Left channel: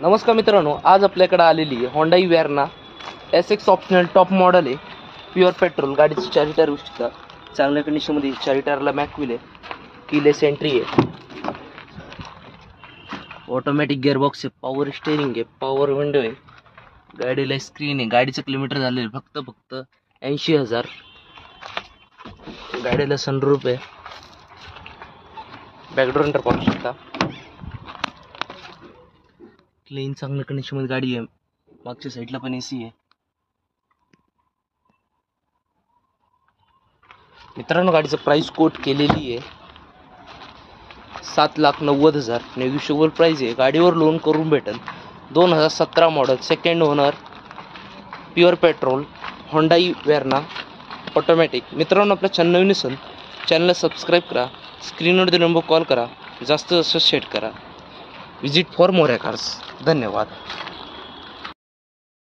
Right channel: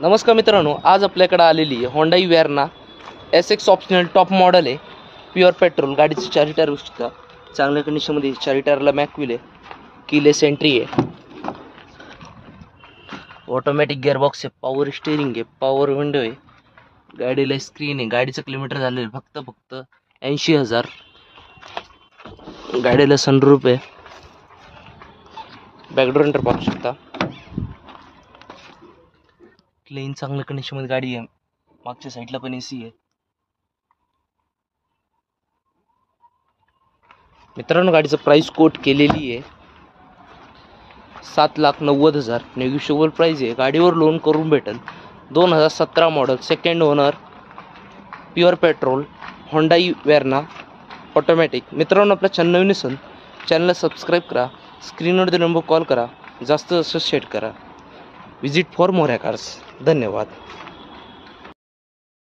नमस्कार मित्रांनो, आज आपल्याकडे आलेली आहे Hyundai Verna SX optional top model आहे. Pure petrol. गाडीचं चारी टायर गोष्टी चांगल्या कंडिशनमध्ये. चारी टायरला मॅकविल आहे. कीलेस एंट्री आहे. ऑटोमॅटिक गिअरबॉक्स आहे. पॉवर स्टेअरिंग आहे. पॉवर विंडो आहे. गाडीला स्क्रीन आहे. गाडीचं किलोमीटर झालेलं फक्त 80,000. गाडीला सनरूफ आहे. बॅकडोर एंटर पाहू शकता. क्लीन चांगल्या कंडिशनमध्ये गाडी आहे. मागच्या साईडला पण AC आहे. मित्रांनो, गाडीचं प्राइस कोट केलेली आहे 7,90,000. नेगोशिएबल प्राइस आहे. गाडीवर लोन करून भेटेल. 2017 model, second owner, pure petrol, Hyundai Verna automatic. मित्रांनो, आपल्या चॅनल नवीन असेल चॅनलला सबस्क्राईब करा. स्क्रीनवर नंबर कॉल करा. जास्त शेअर करा. Visit for more cars. धन्यवाद.